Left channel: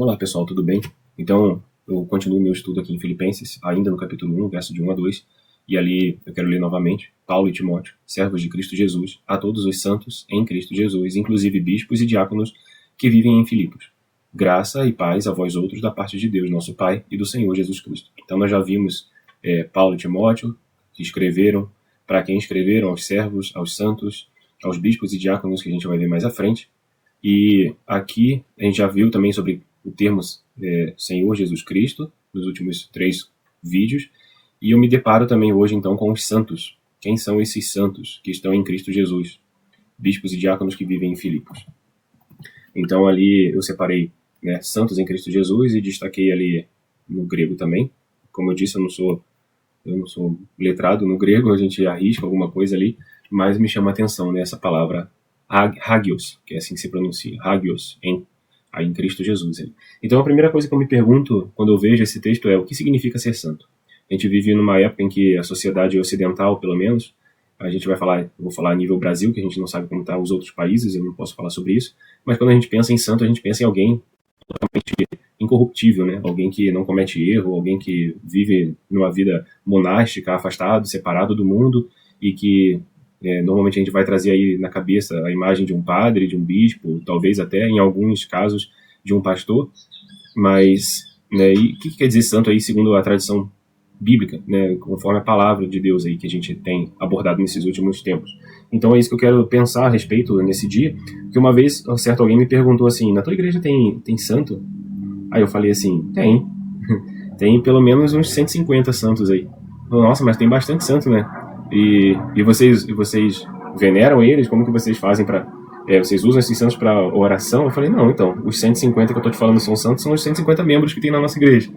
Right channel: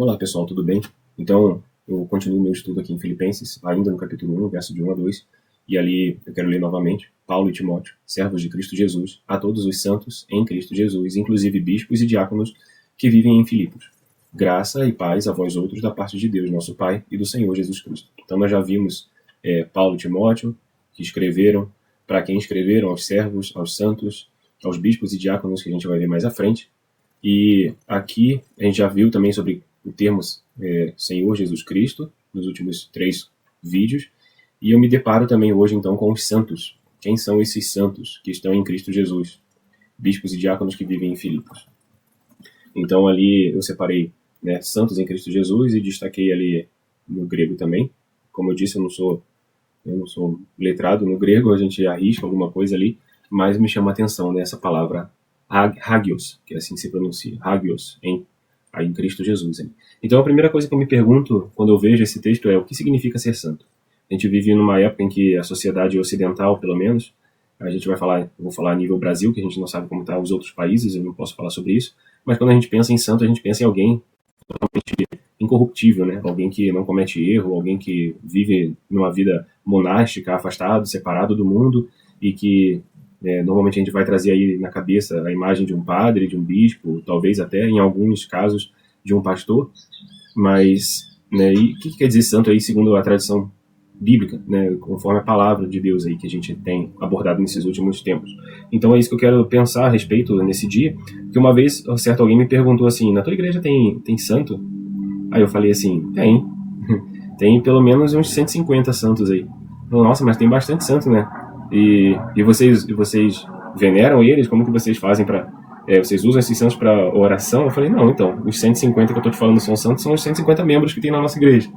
Olá pessoal, tudo bem? Então, eu continuo meu estudo aqui em Filipenses, ainda no capítulo 1, verso de 1 a 2, e ali eu quero ler novamente: Paulo e Timóteo, servos de Cristo Jesus, a todos os santos em Cristo Jesus, inclusive bispos e diáconos que vivem em Filipos. Graça e paz a vós outros da parte de Deus, nosso Pai, e do Senhor Jesus Cristo. Então nós já vimos Paulo e Timóteo, que escreveram, para quem escreveram, aos servos, aos santos, aos bispos e diáconos, que a gente vai ver mais à frente. E aqui a gente já viu também sobre o termo Senhor Jesus Cristo, nos últimos 3 vídeos, e eu me deparo também hoje então com os santos. Quem são esses santos que estão em Cristo Jesus? Bispos e diáconos que vivem em Filipos. Então ali eu separei santos em Cristo Jesus e destaquei ali no grego também. Como eu disse, eu não sou letrado no grego, a gente arrisca alguma coisa ali, mas me chama a atenção nessa palavra hagios, que é assim que se pronuncia, hagios, aí em Cristo Jesus. Hein? Então a primeira coisa que eu me pergunto quando eu vejo esse texto é: o que significa ser santo? A gente vive numa época em que a sociedade ocidental, pelo menos, a gente vai falar, eu vou falar a nível Brasil, que a gente não sabe como estão os outros países, eu não posso falar sobre isso, mas quando a gente pensa em santo, a gente pensa em alguém totalmente incorruptível, né? Alguém que não comete erro, alguém que vive numa vida monástica, afastado, separado do mundo, e que normalmente a gente vai trazer aí na cabeça a imagem de um padre, de um bispo, talvez até em alguns casos de um pastor, mas e o que quer dizer santo aí segundo a tradição bíblica, né, conforme a palavra de Deus aí que a gente tem abordado nesses últimos tempos. Então é isso que eu quero pensar a respeito nesse dia, que uma vez certo alguém me perguntou assim: na tua igreja tem santo? Aí eu falei assim: tem pelo menos uns 150 santos aí. Nossa, mas tem bastante santo, né? E vocês veneram eles? Como que vocês fazem para vocês usam esses santos para oração? Eu falei: não, então, os 150 que eu tô te falando são santos, são os 150 membros que tem na nossa igreja,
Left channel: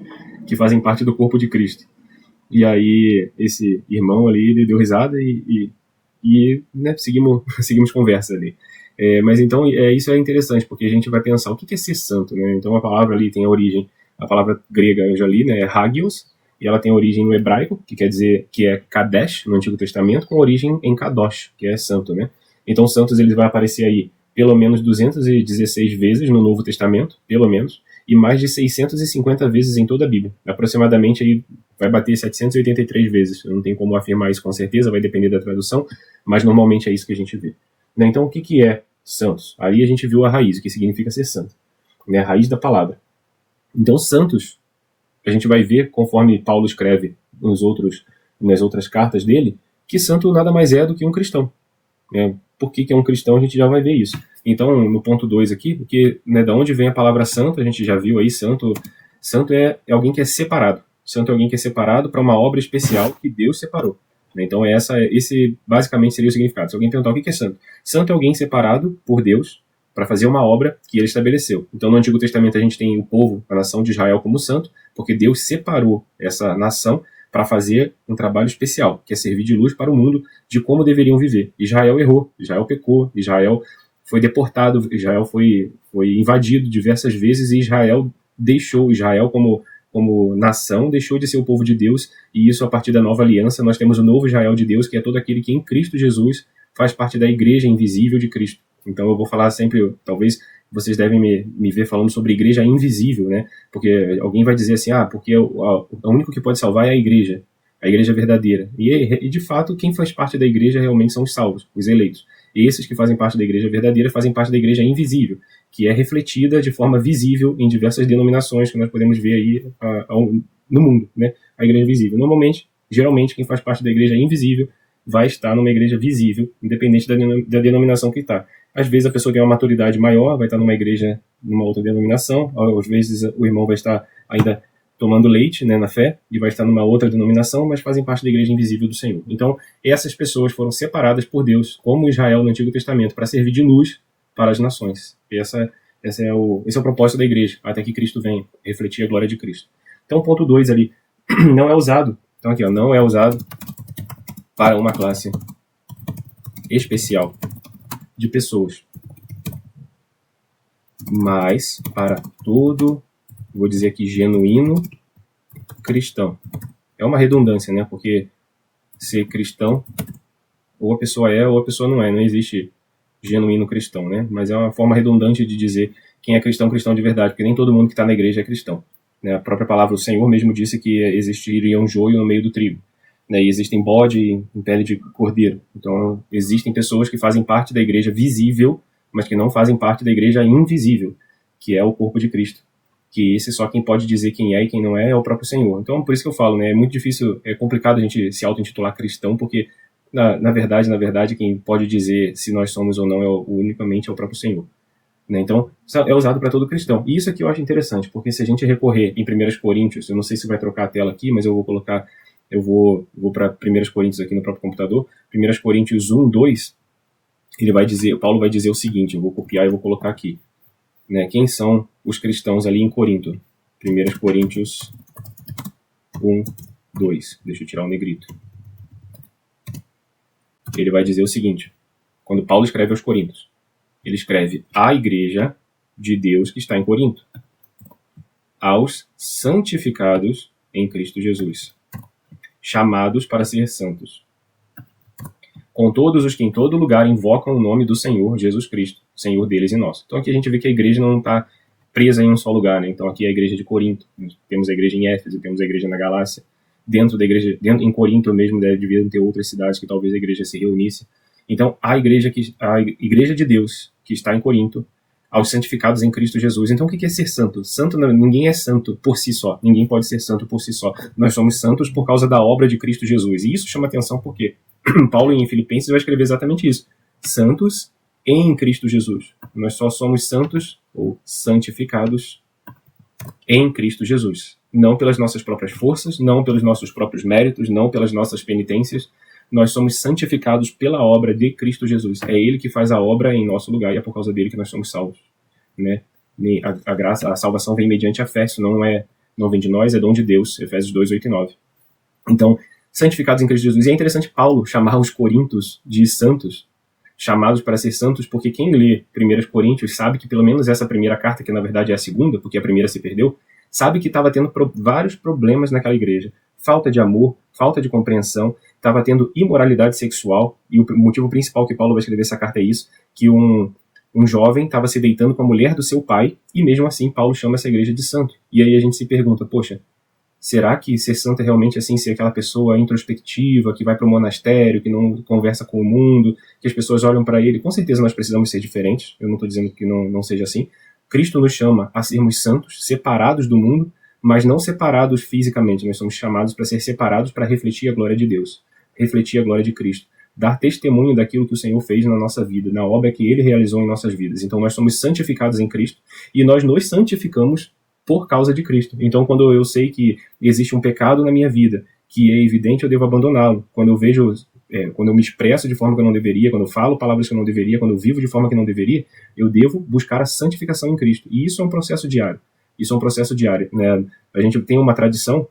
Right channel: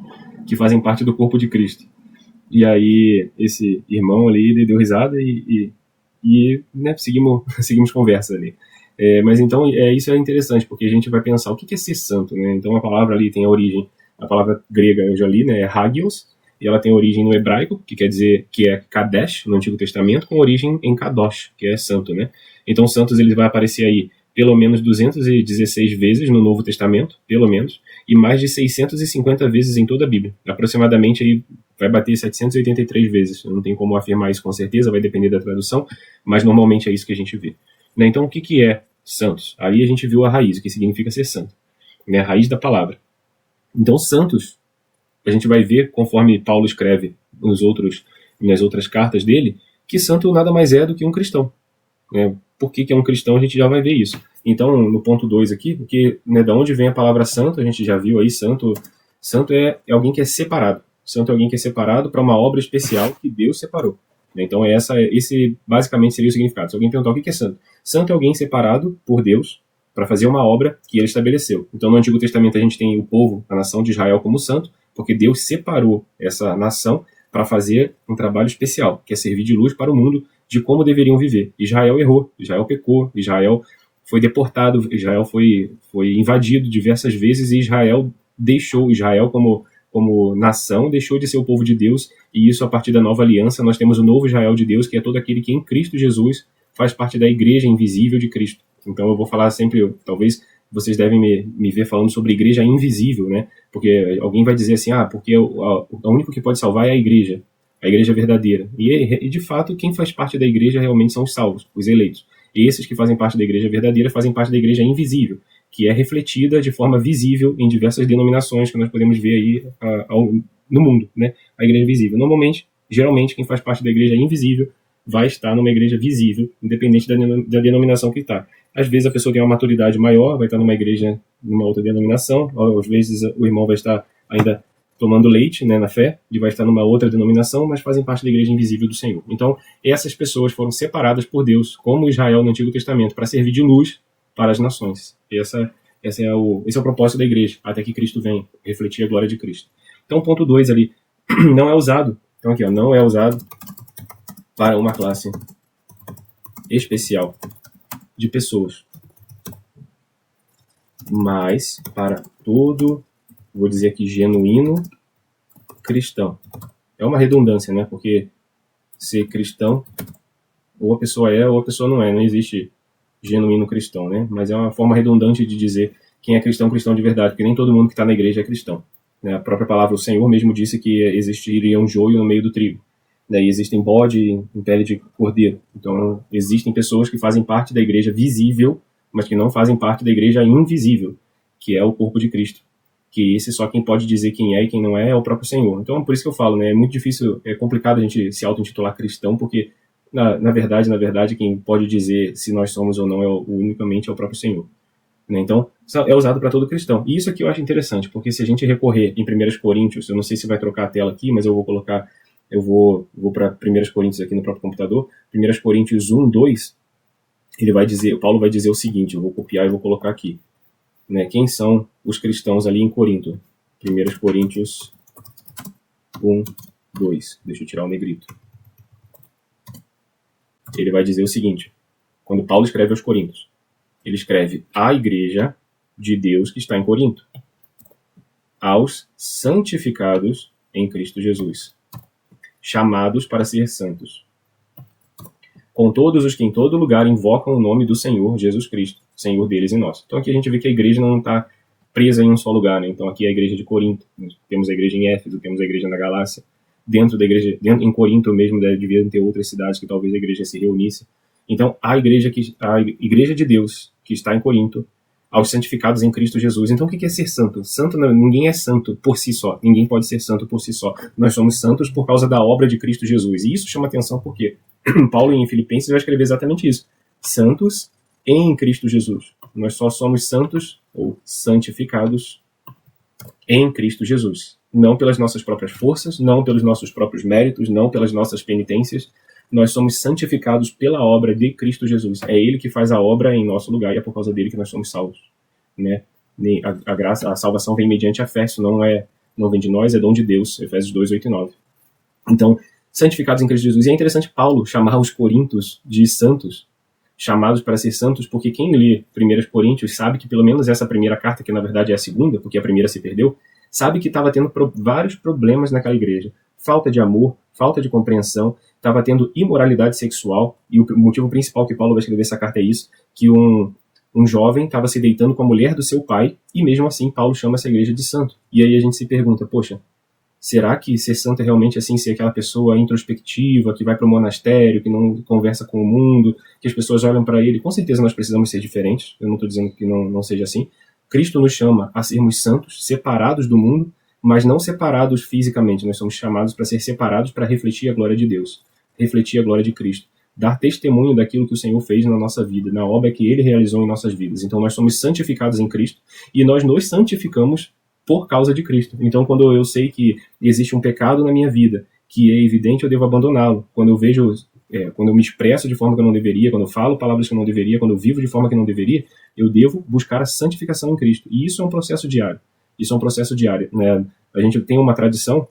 que fazem parte do corpo de Cristo. E aí esse irmão ali, ele deu risada e seguimos conversa ali. Mas então isso é interessante, porque a gente vai pensar o que é ser santo, né? Então a palavra ali tem a origem, a palavra grega eu já li, né, é hagios, e ela tem origem no hebraico, que quer dizer que é Kadesh no Antigo Testamento, com origem em Kadosh, que é santo, né? Então santos ele vai aparecer aí pelo menos 216 vezes no Novo Testamento, pelo menos, e mais de 650 vezes em toda a Bíblia. Aproximadamente aí vai bater 783 vezes. Eu não tenho como afirmar isso com certeza, vai depender da tradução, mas normalmente é isso que a gente vê. Então o que é santos? Ali a gente viu a raiz, o que significa ser santo, a raiz da palavra. Então santos, a gente vai ver, conforme Paulo escreve nas outras cartas dele, que santo nada mais é do que um cristão. Por que é um cristão, a gente já vai ver isso. Então, no ponto 2 aqui, da onde vem a palavra santo, a gente já viu aí, santo é alguém que é separado. Santo é alguém que é separado para uma obra especial que Deus separou. Então, esse basicamente seria o significado. Se alguém perguntar o que é santo, santo é alguém separado por Deus para fazer uma obra que ele estabeleceu. Então, no Antigo Testamento, a gente tem o povo, a nação de Israel, como santo, porque Deus separou essa nação para fazer um trabalho especial, que é servir de luz para o mundo de como deveriam viver. Israel errou, Israel pecou, Israel foi deportado, Israel foi invadido diversas vezes, e Israel como nação, deixou de ser o povo de Deus, e isso a partir da nova aliança, nós temos o novo Israel de Deus, que é todo aquele que em Cristo Jesus faz parte da igreja invisível de Cristo. Então eu vou falar sempre, talvez vocês devem me ver falando sobre igreja invisível, né? Porque alguém vai dizer assim: porque o único que pode salvar é a igreja verdadeira. E de fato, quem faz parte da igreja realmente são os salvos, os eleitos. E esses que fazem parte da igreja verdadeira fazem parte da igreja invisível, que é refletida de forma visível em diversas denominações que nós podemos ver aí no mundo, né? A igreja visível. Geralmente, quem faz parte da igreja invisível vai estar numa igreja visível, independente da denominação que está. Às vezes a pessoa tem uma maturidade maior, vai estar numa igreja, numa outra denominação, às vezes o irmão vai estar ainda tomando leite, né, na fé, e vai estar numa outra denominação, mas fazem parte da igreja invisível do Senhor. Então, essas pessoas foram separadas por Deus, como Israel no Antigo Testamento, para servir de luz para as nações. Esse é o propósito da igreja, até que Cristo venha, refletir a glória de Cristo. Então, ponto 2 ali, não é usado. Então, aqui, não é usado para uma classe especial de pessoas, mas para todo, vou dizer aqui, genuíno cristão. É uma redundância, né? Porque ser cristão, ou a pessoa é ou a pessoa não é. Não existe genuíno cristão, né? Mas é uma forma redundante de dizer quem é cristão, cristão de verdade, porque nem todo mundo que está na igreja é cristão. Né? A própria palavra do Senhor mesmo disse que existiria um joio no meio do trigo. Né? E existem bode em pele de cordeiro. Então, existem pessoas que fazem parte da igreja visível, mas que não fazem parte da igreja invisível, que é o corpo de Cristo. Que esse só quem pode dizer quem é e quem não é o próprio Senhor. Então, por isso que eu falo, né? É muito difícil, é complicado a gente se auto-intitular cristão, porque, na verdade, quem pode dizer se nós somos ou não unicamente é o próprio Senhor. Né? Então, é usado para todo cristão. E isso aqui eu acho interessante, porque se a gente recorrer em 1 Coríntios, eu não sei se vai trocar a tela aqui, mas eu vou colocar, eu vou para 1 Coríntios aqui no próprio computador, 1 Coríntios 1, 2, ele vai dizer, Paulo vai dizer o seguinte, eu vou copiar e vou colocar aqui. Né? Quem são os cristãos ali em Corinto? 1 Coríntios 1, 2. Deixa eu tirar o negrito. Ele vai dizer o seguinte, quando Paulo escreve aos Coríntios, ele escreve a igreja de Deus que está em Corinto, aos santificados em Cristo Jesus, chamados para ser santos, com todos os que em todo lugar invocam o nome do Senhor Jesus Cristo, Senhor deles e nosso. Então aqui a gente vê que a igreja não está presa em um só lugar, né? Então aqui é a igreja de Corinto, temos a igreja em Éfeso, temos a igreja na Galácia, dentro da igreja, em Corinto mesmo devia ter outras cidades que talvez a igreja se reunisse. Então, a igreja de Deus, que está em Corinto, aos santificados em Cristo Jesus. Então, o que é ser santo? Santo, ninguém é santo por si só. Ninguém pode ser santo por si só. Nós somos santos por causa da obra de Cristo Jesus. E isso chama atenção porque Paulo, em Filipenses, vai escrever exatamente isso. Santos em Cristo Jesus. Nós só somos santos ou santificados em Cristo Jesus. Não pelas nossas próprias forças, não pelos nossos próprios méritos, não pelas nossas penitências. Nós somos santificados pela obra de Cristo Jesus. É Ele que faz a obra em nosso lugar e é por causa dele que nós somos salvos. Né? A graça, a salvação vem mediante a fé, isso não vem de nós, é dom de Deus. Efésios 2, 8 e 9. Então, santificados em Cristo Jesus. E é interessante Paulo chamar os coríntios de santos, chamados para ser santos, porque quem lê 1 Coríntios sabe que pelo menos essa primeira carta, que na verdade é a segunda, porque a primeira se perdeu, sabe que estava tendo vários problemas naquela igreja. Falta de amor, falta de compreensão, estava tendo imoralidade sexual, e o motivo principal que Paulo vai escrever essa carta é isso, que um jovem estava se deitando com a mulher do seu pai, e mesmo assim Paulo chama essa igreja de santo. E aí a gente se pergunta, poxa, será que ser santo é realmente assim, ser aquela pessoa introspectiva, que vai para o monastério, que não conversa com o mundo, que as pessoas olham para ele? Com certeza nós precisamos ser diferentes, eu não estou dizendo que não seja assim. Cristo nos chama a sermos santos, separados do mundo, mas não separados fisicamente. Nós somos chamados para ser separados para refletir a glória de Deus, refletir a glória de Cristo, dar testemunho daquilo que o Senhor fez na nossa vida, na obra que Ele realizou em nossas vidas. Então nós somos santificados em Cristo e nós nos santificamos por causa de Cristo. Então quando eu sei que existe um pecado na minha vida, que é evidente, eu devo abandoná-lo. Quando eu me expresso de forma que eu não deveria, quando eu falo palavras que eu não deveria, quando eu vivo de forma que eu não deveria, eu devo buscar a santificação em Cristo. E isso é um processo diário. Isso é um processo diário. Né? A gente tem uma tradição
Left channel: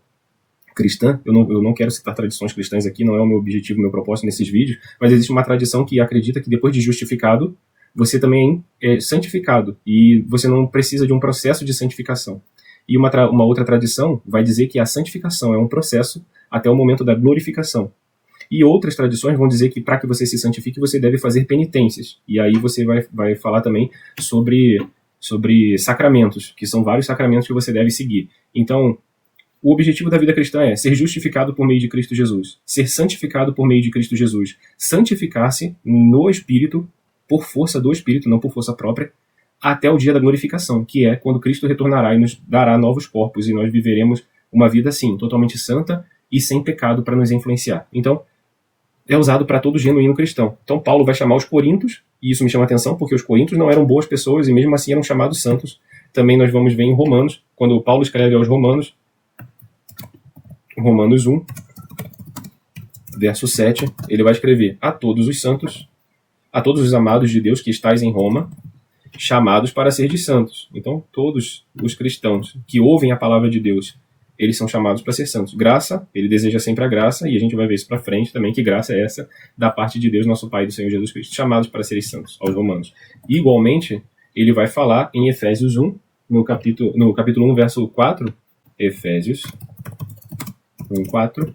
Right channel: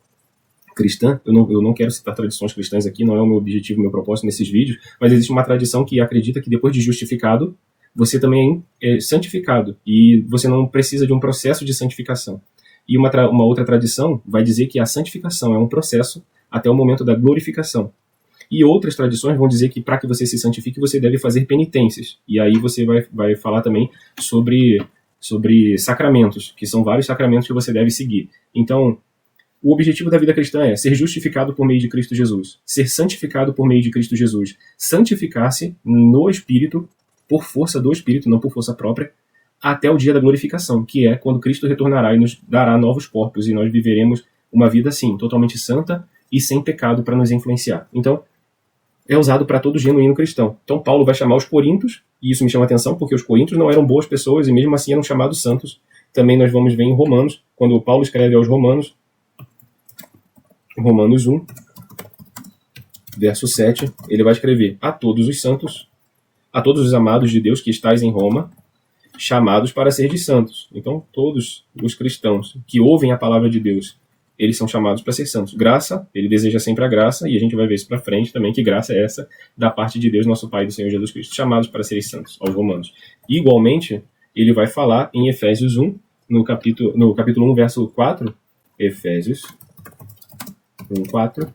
cristã, eu não quero citar tradições cristãs aqui, não é o meu objetivo, o meu propósito nesses vídeos, mas existe uma tradição que acredita que depois de justificado, você também é santificado, e você não precisa de um processo de santificação. E uma outra tradição vai dizer que a santificação é um processo até o momento da glorificação. E outras tradições vão dizer que para que você se santifique, você deve fazer penitências. E aí você vai falar também sobre sacramentos, que são vários sacramentos que você deve seguir. Então, o objetivo da vida cristã é ser justificado por meio de Cristo Jesus, ser santificado por meio de Cristo Jesus, santificar-se no Espírito, por força do Espírito, não por força própria, até o dia da glorificação, que é quando Cristo retornará e nos dará novos corpos, e nós viveremos uma vida assim, totalmente santa e sem pecado para nos influenciar. Então, é usado para todo genuíno cristão. Então Paulo vai chamar os coríntios, e isso me chama a atenção, porque os coríntios não eram boas pessoas, e mesmo assim eram chamados santos. Também nós vamos ver em Romanos, quando Paulo escreve aos Romanos 1, verso 7, ele vai escrever: a todos os santos, a todos os amados de Deus que estais em Roma, chamados para ser de santos. Então todos os cristãos que ouvem a palavra de Deus, eles são chamados para ser santos. Graça, ele deseja sempre a graça, e a gente vai ver isso para frente também, que graça é essa da parte de Deus, nosso Pai, do Senhor Jesus Cristo, chamados para serem santos, aos romanos. Igualmente, ele vai falar em Efésios 1, no capítulo 1, verso 4, Efésios 1, 4,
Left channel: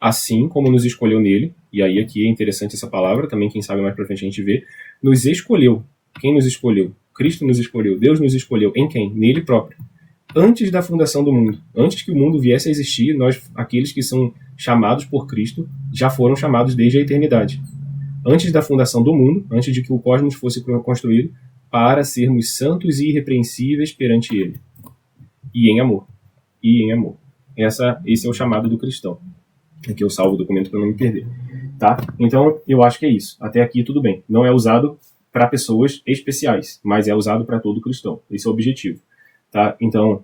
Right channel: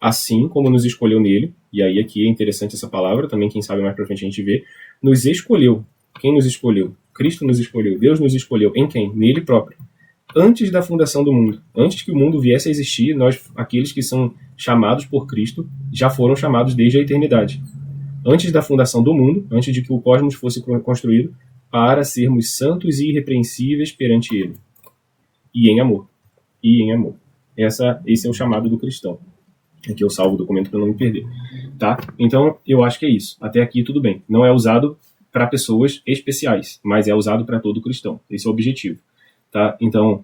assim como nos escolheu nele, e aí aqui é interessante essa palavra, também quem sabe mais para frente a gente vê, nos escolheu. Quem nos escolheu? Cristo nos escolheu, Deus nos escolheu. Em quem? Nele próprio. Antes da fundação do mundo, antes que o mundo viesse a existir, aqueles que são chamados por Cristo, já foram chamados desde a eternidade. Antes da fundação do mundo, antes de que o cosmos fosse construído, para sermos santos e irrepreensíveis perante Ele. E em amor. E em amor. Esse é o chamado do cristão. Aqui eu salvo o documento para não me perder. Tá? Então, eu acho que é isso. Até aqui tudo bem. Não é usado para pessoas especiais, mas é usado para todo cristão. Esse é o objetivo. Tá? Então,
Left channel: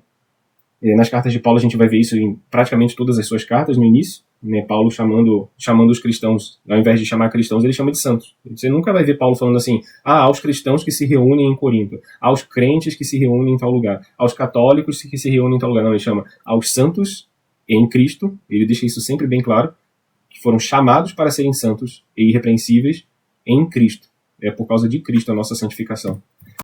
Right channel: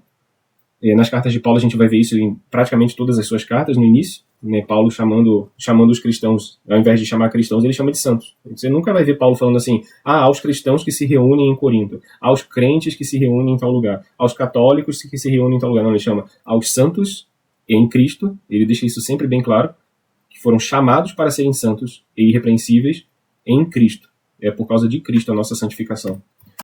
nas cartas de Paulo a gente vai ver isso em praticamente todas as suas cartas no início, né? Paulo chamando os cristãos, ao invés de chamar cristãos, ele chama de santos. Você nunca vai ver Paulo falando assim, aos cristãos que se reúnem em Corinto, aos crentes que se reúnem em tal lugar, aos católicos que se reúnem em tal lugar. Não, ele chama aos santos em Cristo, ele deixa isso sempre bem claro, que foram chamados para serem santos e irrepreensíveis em Cristo. É por causa de Cristo a nossa santificação.